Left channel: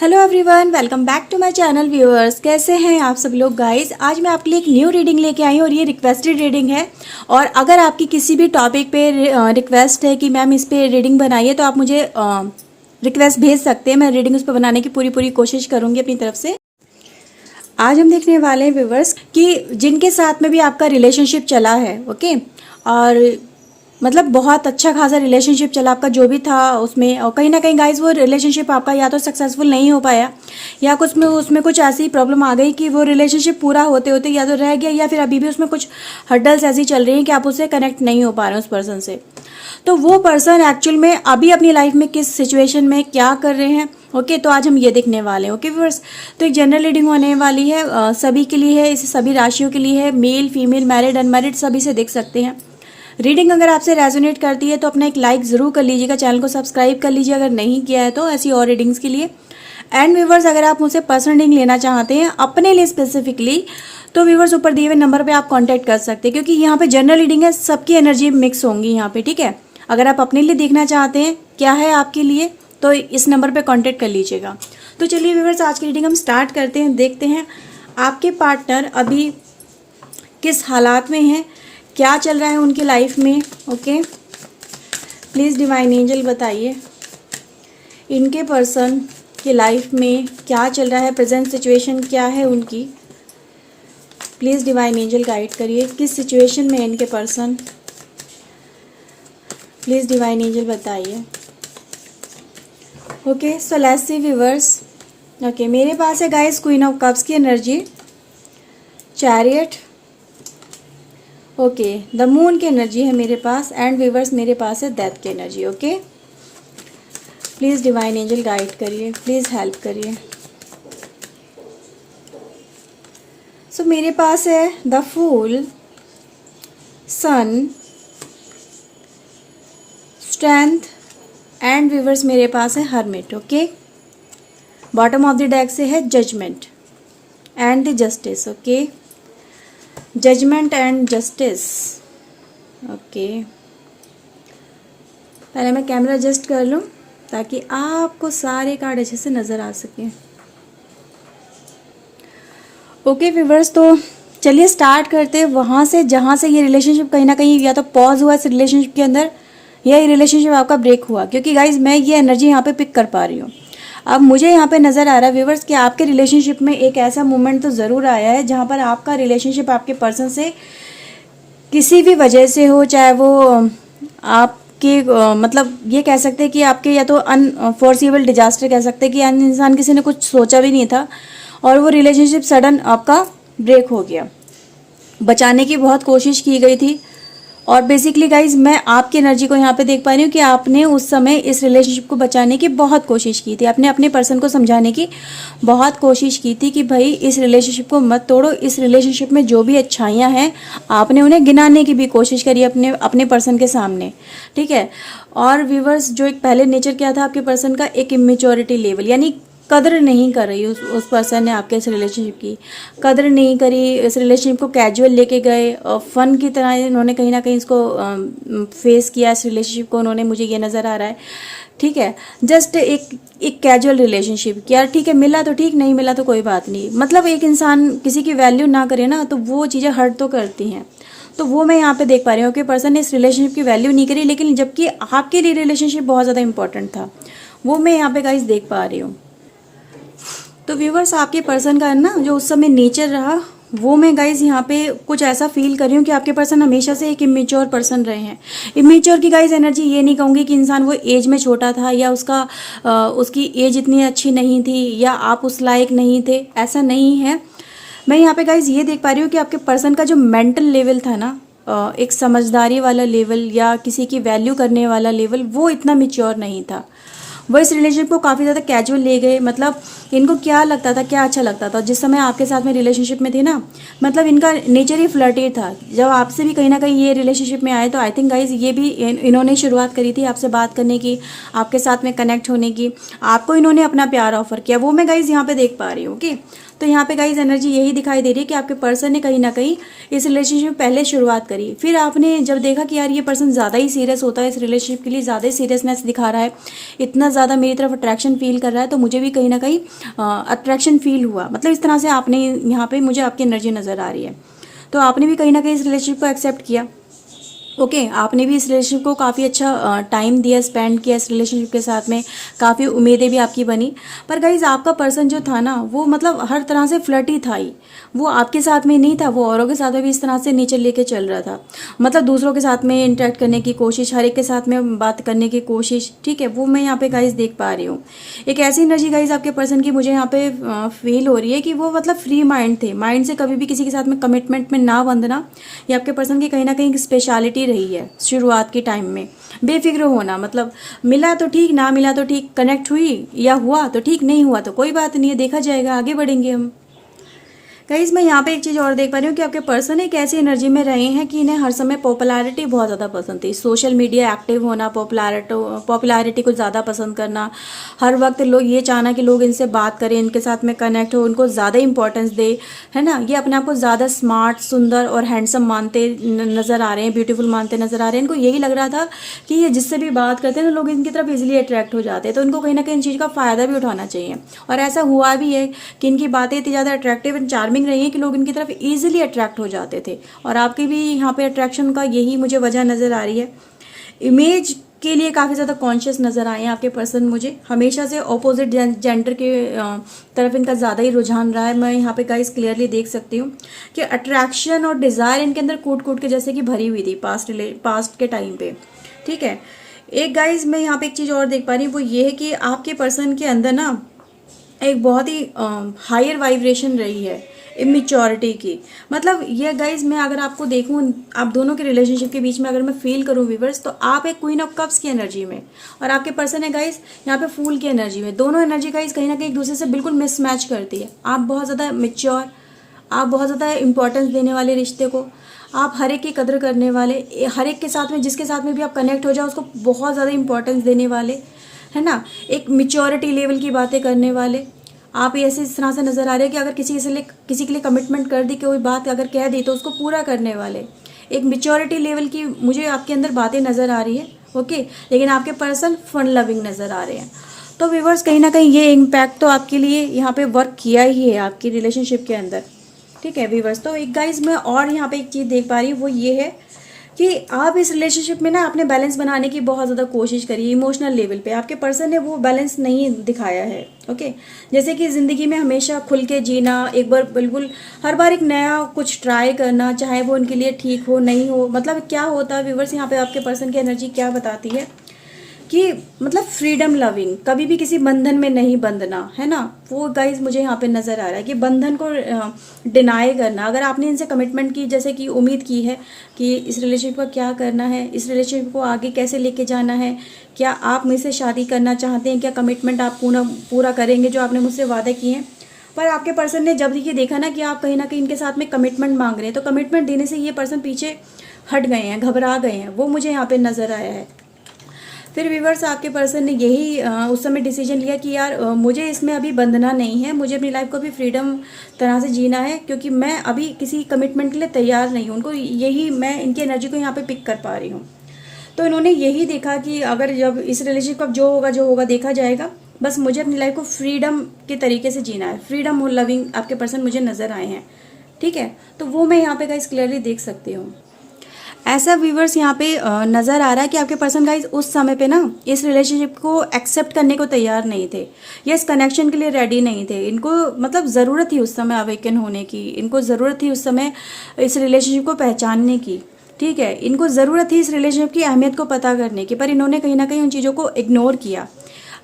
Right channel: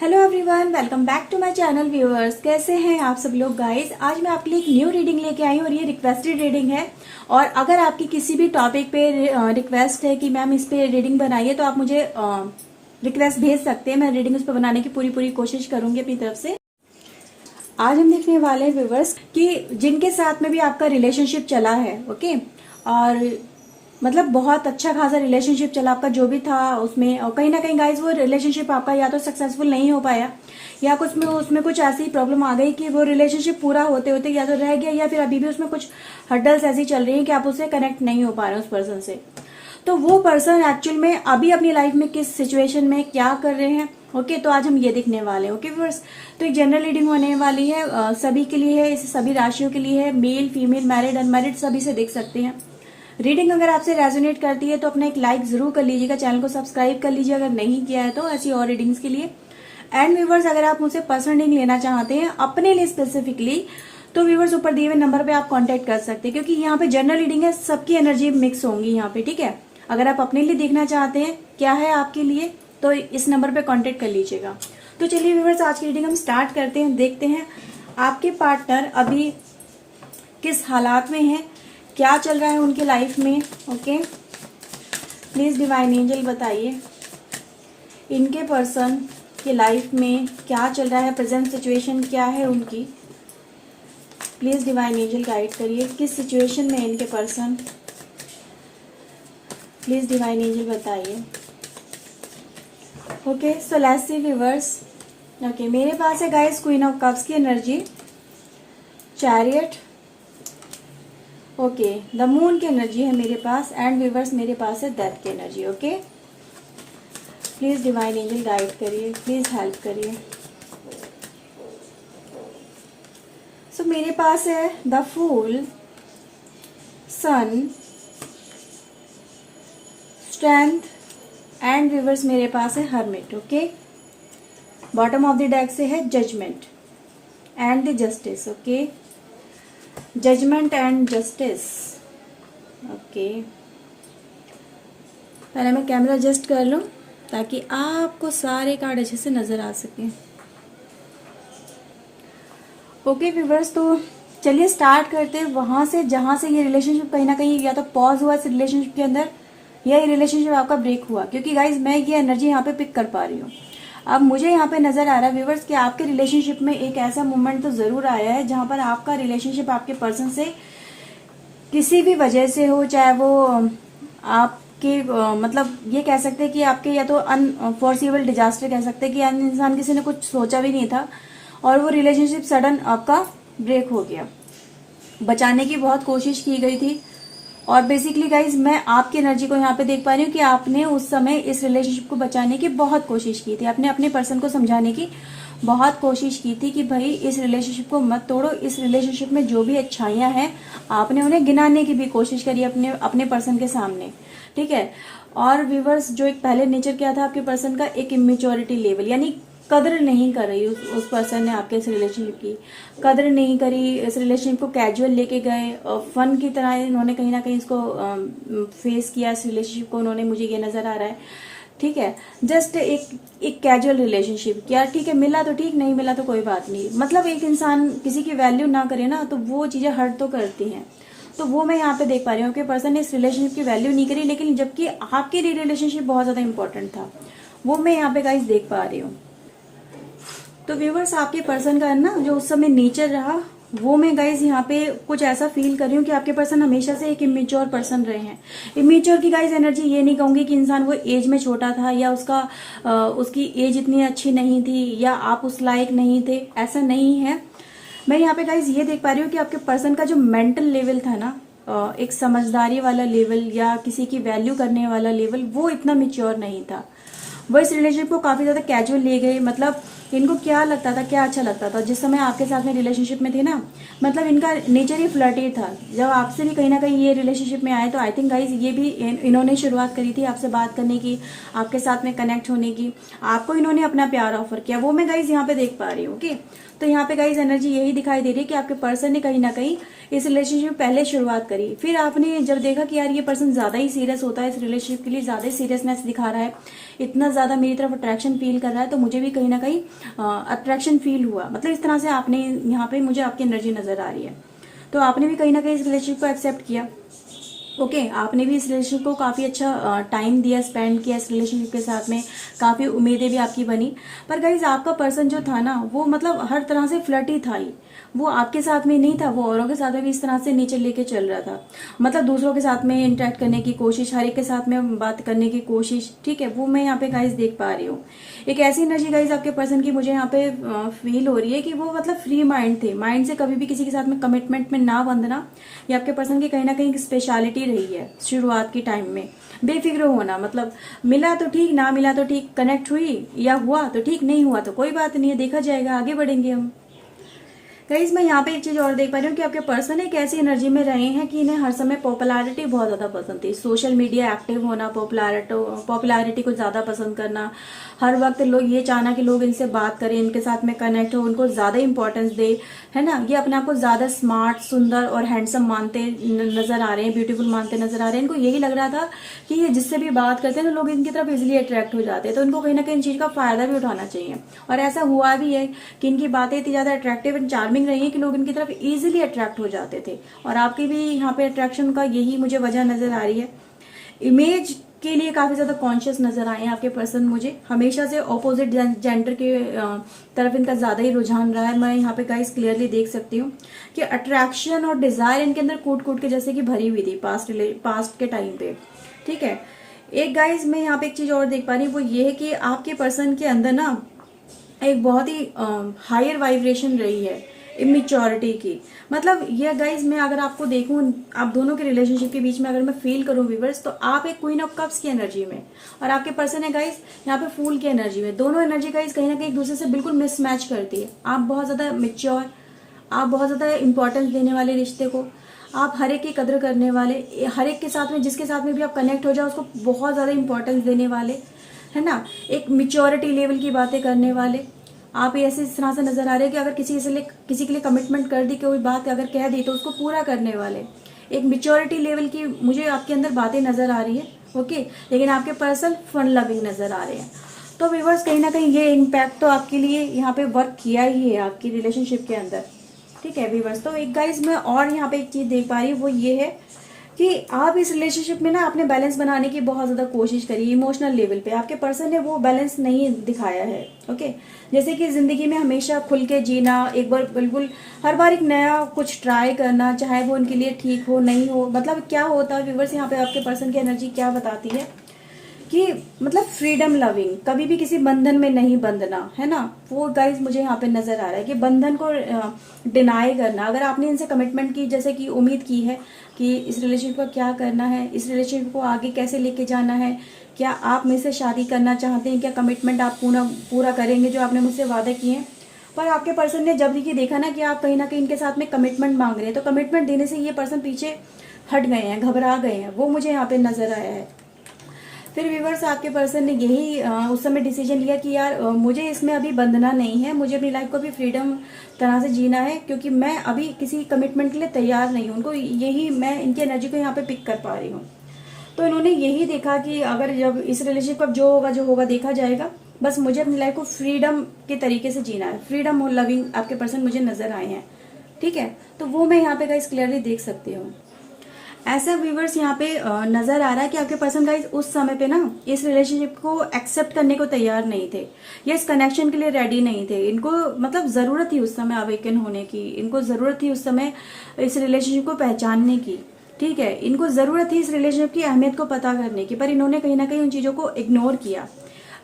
Hello everyone, welcome back to my channel viewers. कैसे हैं आप सब लोग गाइस। आज मैं आपके लिए एक न्यू रीडिंग लेके आई हूँ और ये रिक्वेस्टेड रीडिंग है। और अगर आपकी किसी भी टॉपिक पे रिक्वेस्ट है कि मैम इस पे रीडिंग बनाइए तो आप मुझे रिक्वेस्ट भेज सकते हैं। मैं रीडिंग उस पर बनाने की पूरी कोशिश करूँगी अपनी तरफ से। आज हम देखने वाले हैं व्यूअर्स कि जिनके साथ में भी आपका रिलेशनशिप चला है, ओके, और मतलब बहुत अच्छा खासा रिलेशनशिप चला आपका जो भी था उसमें, और कहीं ना कहीं गाइस वो रिलेशनशिप आपका या तो सक्सेसफुल नहीं हो पाया या कुछ में उसमें कुछ ऐसी प्रॉब्लम आ गई कि वो रिलेशनशिप पूरा होते होते या तो रह गया या फिर अभी भी उसमें कुछ हर्डल्स ऐसी चल रही हैं कि आप उससे कनेक्ट नहीं हो पा रहे हैं उस पर्सन से। तो वो पर्सन एक्चुअल में अभी अपनी लाइफ में किस सिचुएशन में क्या कर रहे हैं, ओके, तो आज हम ये देखने वाले हैं। ओके व्यूअर्स, तो एक जनरल रीडिंग होने वाली है, सभी के लिए है, इसे सभी राशियों के लिए है, मेल फीमेल मैरिड अनमैरिड सभी से देख सकते हैं। रीडिंग अगर आपसे रेजोनेट करती है तो अपना एक लाइक जरूर कर लीजिएगा, चैनल को सब्सक्राइब कर लीजिए अगर नहीं किया है तो, ऐसी और रीडिंग्स के लिए। एंड व्यूवर्स, अगर आप मुझसे पर्सनल रीडिंग लेना चाहते हैं अपने लिए स्पेसिफिकली तो व्यूवर्स ऊपर दिए हुए नंबर पे आप कांटेक्ट कर सकते हैं, क्योंकि यहाँ पे जनरल रीडिंग है, सबकी एनर्जी मिक्स होंगी यहाँ पे, ठीक है। अगर आप अपने लिए देखना चाहते हैं क्या है आपके लिए तो इस नंबर पे कांटेक्ट कर लीजिएगा। तो चलिए व्यूवर्स, आज की रीडिंग हम स्टार्ट करते हैं। देखते हैं आपके पार्टनर अभी किस हालात में हैं, क्या चल रहा है उनकी लाइफ में। ओके, प्लीज़ डिवाइन एंजल बताइए इनके पर्सन की लाइफ में क्या चल रहा है, प्रेजेंट सिचुएशन क्या है उनकी। प्लीज़ डिवाइन एंजल गाइड करिए किस सिचुएशन में इनके पर्सन। प्लीज़ डिवाइन एंजल बताइए। Okay, so let's see viewers. Okay, मेरे पास है गाइस क्वीन ऑफ कप्स की energy, chariot, okay, the moon की एनर्जी है मेरे पास, एंड व्यूअर्स मेरे पास है डेथ की energy. Okay, please divine angel guide करिए, प्लीज़ हेल्प करिए। सो मेरे पास है the fool, sun, strength, and viewers मेरे पास है hermit. Okay, bottom of the deck से है judgement and the justice. Okay, judgement and justice. Okay, पहले मैं कैमरा एडजस्ट कर लूं ताकि आपको सारे कार्ड अच्छे से नजर आ सके। ओके व्यूवर्स, तो चलिए स्टार्ट करते हैं वहां से जहां से ये रिलेशनशिप कहीं ना कहीं या तो पॉज हुआ इस रिलेशनशिप के अंदर या ये रिलेशनशिप आपका ब्रेक हुआ, क्योंकि गाइज मैं ये एनर्जी यहाँ पे पिक कर पा रही हूँ। अब मुझे यहाँ पे नज़र आ रहा है व्यूवर्स कि आपके रिलेशनशिप में एक ऐसा मोमेंट तो ज़रूर आया है जहाँ पर आपका रिलेशनशिप आपके पर्सन से किसी भी वजह से हो, चाहे वो आपके मतलब ये कह सकते हैं कि आपके या तो अनफोर्सिबल डिजास्टर कह सकते हैं कि इंसान किसी ने कुछ सोचा भी नहीं था और वो रिलेशनशिप सडन आपका ब्रेक हो गया। बचाने की बहुत कोशिश की गई थी और बेसिकली गाइज मैं आपकी एनर्जी को यहाँ पे देख पा रही हूँ कि आपने उस समय इस रिलेशनशिप को बचाने की बहुत कोशिश की थी, आपने अपने पर्सन को समझाने की बहुत कोशिश की थी कि भाई इस रिलेशनशिप को मत तोड़ो, इस रिलेशनशिप में जो भी अच्छाइयाँ हैं आपने उन्हें गिनाने की भी कोशिश करी अपने पर्सन के सामने, ठीक है। और व्यूवर्स, जो एक पहले नेचर क्या था आपके पर्सन का, एक इमेच्योरिटी लेवल, यानी कदर नहीं कर रही उस पर्सन ने आपके इस रिलेशनशिप की कदर नहीं करी। इस रिलेशनशिप को कैजुअल लेके गए और फन की तरह इन्होंने कहीं ना कहीं इसको फेस किया, इस रिलेशनशिप को उन्होंने, मुझे ये नज़र आ रहा है, ठीक है। जस्ट एक कैजुअल रिलेशनशिप कि यार ठीक है, मिला तो ठीक, नहीं मिला तो कोई बात नहीं। मतलब एक इंसान किसी की वैल्यू ना करे ना तो वो चीज़ें हर्ट तो करती हैं, तो वो मैं यहाँ पे देख पा रही हूँ कि पर्सन ने इस रिलेशनशिप की वैल्यू नहीं करी, लेकिन जबकि आपके लिए रिलेशनशिप बहुत ज़्यादा इंपॉर्टेंट था, वो मैं यहाँ पे गाइस देख पा रही हूँ। तो व्यूवर्स, आपके पर्सन का ना जो उस समय नेचर रहा वो मैं गाइज यहाँ पे कुछ ऐसा फील कर रही हूँ कि आपके पर्सन हमेशा से एक इमेच्योर पर्सन रहे हैं। इमेच्योर की गाइज एनर्जी ये नहीं कहूँगी कि इंसान वो एज में छोटा था या उसकी एज इतनी अच्छी नहीं थी या आप उस लायक नहीं थे, ऐसा नहीं है। मैं यहाँ पे गाइज ये देख पा रही हूँ कि आपके पर्सन का जो मेंटल लेवल था ना, एक समझदारी वाला लेवल या किसी की वैल्यू करने वाला लेवल, वो इतना मेच्योर नहीं था। वो इस रिलेशनशिप को काफ़ी ज़्यादा कैजुअल ले गए। मतलब इनको क्या लगता था, क्या अच्छा लगता था जिस समय आपके साथ में रिलेशनशिप में थे ना, मतलब इनका नेचर ही फ्लर्टी था। जब आपसे भी कहीं ना कहीं ये रिलेशनशिप में आए तो आई थिंक गाइज ये भी इन्होंने शुरुआत करी थी आपसे बात करने की, आपके साथ में कनेक्ट होने की, आपको इन्होंने अपना प्यार ऑफर किया, वो मैं गाइज यहाँ पे देख पा रही हूँ। ओके, तो यहाँ पे गाइज एनर्जी यही दिखाई दे रही है कि आपके पर्सन ने कहीं ना कहीं इस रिलेशनशिप में पहले शुरुआत करी, फिर आपने जब देखा कि यार ये पर्सन ज़्यादा ही सीरियस होता है, इस रिलेशनशिप के लिए ज़्यादा ही सीरियसनेस दिखा रहा है, इतना ज़्यादा मेरी तरफ अट्रैक्शन फील कर रहा है, तो मुझे भी कहीं ना कहीं अट्रैक्शन फील हुआ। मतलब इस तरह से आपने यहाँ पे मुझे आपकी एनर्जी नज़र आ रही है। तो आपने भी कहीं ना कहीं इस रिलेशनशिप को एक्सेप्ट किया। ओके आपने भी इस रिलेशनशिप को काफ़ी अच्छा टाइम दिया, स्पेंड किया इस रिलेशनशिप के साथ में, काफ़ी उम्मीदें भी आपकी बनी। पर गाइज आपका पर्सन जो था ना वो मतलब हर तरह से फ्लर्टी था ही, वो आपके साथ में नहीं था, वो औरों के साथ में भी इस तरह से नेचर लेके चल रहा था। मतलब दूसरों के साथ में इंटरेक्ट करने की कोशिश, हर एक के साथ में बात करने की कोशिश, ठीक है, वो मैं यहाँ पे गाइज देख पा रही हूँ। एक ऐसी एनर्जी गाइज आपके पर्सन की मुझे यहाँ पे फील हो रही है कि वो मतलब फ्री माइंड थे, माइंड से कभी भी किसी के साथ में कमिटमेंट में ना बंधना, ये आपके पर्सन की कहीं ना कहीं स्पेशलिटी रही है शुरुआत के टाइम में। बेफिक्र होना, मतलब मिला तो ठीक, ना मिला तो ठीक, कनेक्ट हुई या हुआ तो ठीक, नहीं हुआ तो कोई बात नहीं है, देखा जाएगा, आगे बढ़ेंगे हम। गाइज मैं यहाँ पे एक चीज़ और देख पा रही हूँ कि आपके पर्सन एक ऐसी एनर्जी में रहे हैं कि इन्हें हर समय पॉपुलैरिटी बहुत ज़्यादा पसंद थी, सोशल मीडिया एक्टिव होना, पॉपुलैरिटी को ज़्यादा पसंद करना, हर वक्त लोग ये चाहना कि लोग इनसे बात करें, इनके साथ में कनेक्ट हो, उनको ज़्यादा इंपॉर्टेंस दे, है ना। ये अपने आप को ज़्यादा स्मार्ट, सुंदर और हैंडसम मानते नज़र आ रहे हैं, ब्यूटीफुल मानते नज़र आ रहे हैं। इनको यही लग रहा था कि ये जिससे भी बात करते हैं तो लोग इनकी तरफ इजीली अट्रैक्ट हो जाते हैं, तो इनको कहीं ना कहीं इन चीज़ का फ़ायदा भी उठाना चाहिए। और ऐसा हुआ भी है कि इनकी बातें इतनी ज़्यादा अट्रैक्टिव एंड चार्मिंग रही है कि लोग इनकी तरफ इजीली अट्रैक्ट हो जाते थे। और आपकी भी यहाँ पे अट्रैक्शन का यही मुझे वजह नज़र आ रही है। इमेज के लिए काफ़ी ज़्यादा कॉन्शियस नज़र आए हैं आपके पर्सन मुझे, हमेशा से ऑपोजिट जेंडर के तरफ इनका ज़्यादा ही रुझान रहा है। मैं यहाँ पे गाइस क्लियरली देख सकती हूँ कि अट्रैक्शन और डिज़ायर इनके अंदर कूट कूट के जैसे कि भरी हुई थी पास्ट के टाइम पे, ठीक है। एक गाइस मैं यहाँ पे एक चीज़ और देख पा रही हूँ, वो ये है कि आपके पर्सन के अंदर ना एक बहुत ही हायर वाइब्रेशन रही है इमेच्योरिटी की। मतलब ये गाइज मैं अगर आपको देखूं, आप दोनों के रिलेशनशिप के बीच में अगर मैं फील करूं व्यूअर्स, तो आप एक क्वीन ऑफ कप्स की एनर्जी में और आपके पर्सन है गाइज यहाँ पे फूल की एनर्जी में। दोनों एनर्जी गाइज कहीं ना कहीं एक दूसरे से बिल्कुल मिसमैच करती है। आप बहुत ज़्यादा मेच्योर, आप बहुत ज़्यादा इंपॉर्टेंस देने वाले रिश्ते को, आप हर एक की कदर करने वाले, हर एक के साथ में जिसके साथ में भी आप कनेक्ट हो जाओ उसको बहुत ज़्यादा इंपॉर्टेंस देने वाले, है ना, एक मेच्योरिटी लेवल की बातें करने वाले। आप ऐसे इस तरह से नज़र आ रहे हैं कि अगर किसी के लिए कमिटमेंट कर दी, कोई बात अगर कह दी तो उसको पूरा करने वाले, एक मेच्योरिटी लेवल की मुझे आपके अंदर बातें नज़र आ रही है। ओके लेकिन आपके पर्सन फन लविंग नज़र आ रहे हैं। तो व्यूअर्स कहीं ना कहीं ये इम्पैक्ट तो आपके लिए यहाँ पे वर्क किया ही है आपकी रिलेशनशिप के अंदर, ठीक है व्यूअर्स। तो एक गाइज मैं और यहाँ पे एक चीज़ देख पा रही हूँ, वो ये है कि आप इस रिलेशनशिप में ना आपने बैलेंस बनाने की बहुत ज़्यादा कोशिश करी। इमोशनल लेवल पे आपके पर्सन ने वो बैलेंस नहीं दिखाया है। ओके जैसे कि ज़िंदगी में हमेशा खुल के जीना, एक बार बिल्कुल हर बार एक नया कुछ ट्राई करना, चाहे वो उनके लिए ठीक हो नहीं हो। मतलब क्या होता है व्यूअर्स, यहाँ पे आपके पर्सन की एनर्जी क्या बताती है कि मतलब फ्रीडम लविंग, कभी भी किसी बंधन में नहीं बंधना, है ना। वो गाइज मुझे यहाँ पे नज़र आ रहा है कि बंधन को डिनाई करना। अगर आपने इनसे कमिटमेंट की, जैसे कि उम्मीद की है कि इस रिलेशनशिप को क्या करना है, इस रिलेशनशिप को आगे कैसे लेके जाना है, क्या आप मुझसे शादी करना चाहते हैं, क्या कमिटमेंट आप पूरा करेंगे जो आपने मुझसे वादे किए हैं। पर आपके पर्सन ने जब ये देखा ना कि आप कहीं ना कहीं इनके साथ में कमिटमेंट मांग रहे हैं, तो कमिटमेंट देने से ये पर्सन पीछे हट गए हैं, घबरा गए हैं, वो मुझे यहाँ पे नज़र आया है। फिर व्यूअर्स आपके पर्सन ने यही उस समय डिसीजन लिया कि यार मुझे इसमें अभी बंधना नहीं है, मुझे अपनी लाइफ को भी फ्रीडम तरह से जीना है, क्योंकि मैं अभी किसी कमिटमेंट के लिए तैयार नहीं हूँ। उनको यही, मैं इनकी एनर्जी को यहाँ पे पिक कर पा रही हूँ। तो इन्होंने यही देखा कि अगर जब इस रिलेशनशिप का जो होगा देखा जाएगा, बस मुझे अपनी लाइफ को फ्रीडम के तरीके से जीना है। फ्रीडम और लविंग आपके पर्सन मुझे नज़र आए हैं, ठीक है। तो वो मैं यहाँ पे गाइस क्लियरली देख सकती हूँ। ऐसा व्यूवर्स यहाँ पे नज़र आ रहा है कि आपके पर्सन गाइज उस समय पे ना इस रिलेशनशिप को एक्सेप्ट करने को तैयार नहीं थे, या इस कनेक्शन के लिए रेडी नहीं थे। इनको मतलब ज़रूरत थी उस समय अवेकन होने की, इनको ज़रूरत थी उस समय इस रिलेशनशिप को पहचानने की, ठीक है। इनको ज़रूरत थी इस रिलेशनशिप की अहमियत को पता करने की, पर इन्होंने कहीं ना कहीं उन चीज़ों को इग्नोर किया।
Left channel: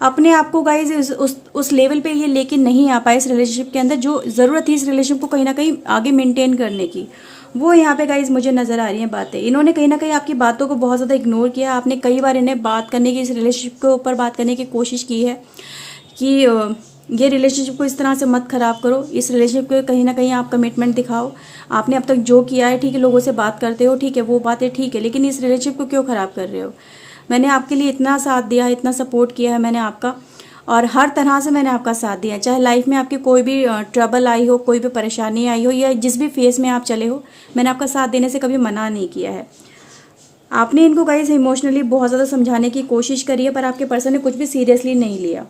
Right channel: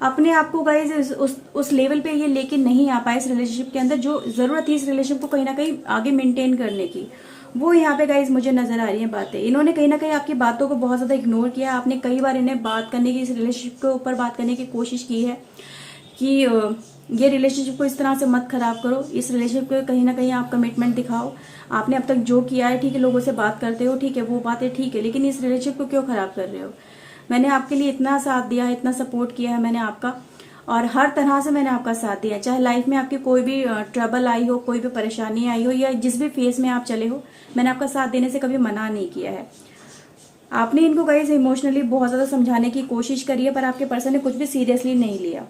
अपने आप को गाइज उस लेवल पे ये लेके नहीं आ पाए इस रिलेशनशिप के अंदर, जो ज़रूरत थी इस रिलेशनशिप को कहीं ना कहीं आगे मेंटेन करने की, वो यहाँ पे गाइज मुझे नज़र आ रही हैं बातें। इन्होंने कहीं ना कहीं आपकी बातों को बहुत ज़्यादा इग्नोर किया। आपने कई बार इन्हें बात करने की, इस रिलेशनशिप के ऊपर बात करने की कोशिश की है कि ये रिलेशनशिप को इस तरह से मत ख़राब करो, इस रिलेशनशिप को कहीं ना कहीं आप कमिटमेंट दिखाओ। आपने अब तक जो किया है, ठीक है, लोगों से बात करते हो, ठीक है, वो बातें ठीक है, लेकिन इस रिलेशनशिप को क्यों ख़राब कर रहे हो। मैंने आपके लिए इतना साथ दिया है, इतना सपोर्ट किया है मैंने आपका, और हर तरह से मैंने आपका साथ दिया, चाहे लाइफ में आपकी कोई भी ट्रबल आई हो, कोई भी परेशानी आई हो, या जिस भी फेस में आप चले हो, मैंने आपका साथ देने से कभी मना नहीं किया है। आपने इनको गाइस इमोशनली बहुत ज़्यादा समझाने की कोशिश करी है, पर आपके पर्सन ने कुछ भी सीरियसली नहीं लिया,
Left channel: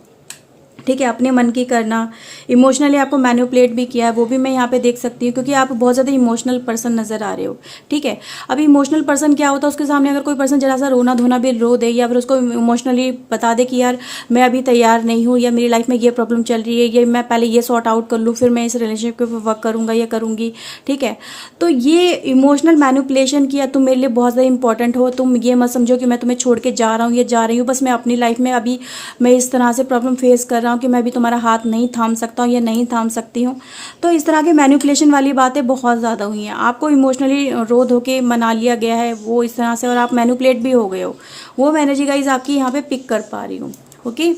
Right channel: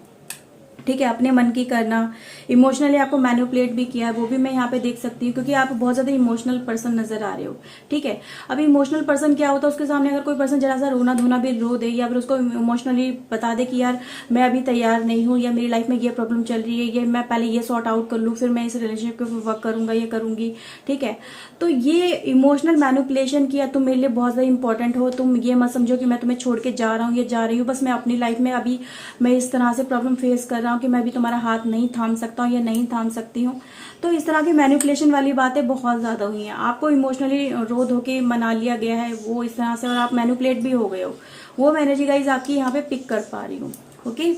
ठीक है। अपने मन की करना, इमोशनली आपको मैनिपुलेट भी किया है, वो भी मैं यहाँ पे देख सकती हूँ, क्योंकि आप बहुत ज़्यादा इमोशनल पर्सन नजर आ रहे हो, ठीक है। अब इमोशनल पर्सन क्या होता है, उसके सामने अगर कोई पर्सन जरा सा रोना धोना भी रो दे, या फिर उसको इमोशनली बता दे कि यार मैं अभी तैयार नहीं हूँ, या मेरी लाइफ में ये प्रॉब्लम चल रही है, ये मैं पहले ये सॉर्ट आउट कर लूँ, फिर मैं इस रिलेशनशिप के ऊपर वर्क करूँगा या करूँगी, ठीक है। तो ये इमोशनल मैनिपुलेशन किया, तुम मेरे लिए बहुत ज़्यादा इंपॉर्टेंट हो, तुम ये मत समझो कि मैं तुम्हें छोड़ के जा रहा हूँ या जा रही हूँ, बस मैं अपनी लाइफ में अभी मैं इस तरह से प्रॉब्लम फेस कर रहा हूँ कि मैं भी तुम्हारा हाथ नहीं थाम सकता हूँ या नहीं थाम सकती हूँ। तो इस तरह की मैनिपुलेशन वाली बातें बहुत ज़्यादा हुई हैं, आपको इमोशनली रो धो के मना लिया गया है वो इस तरह से, और आप मैनिपुलेट भी हो गए हो। वो एनर्जी गाइज आपकी यहाँ पे पिक कर पा रही हूँ, ओके।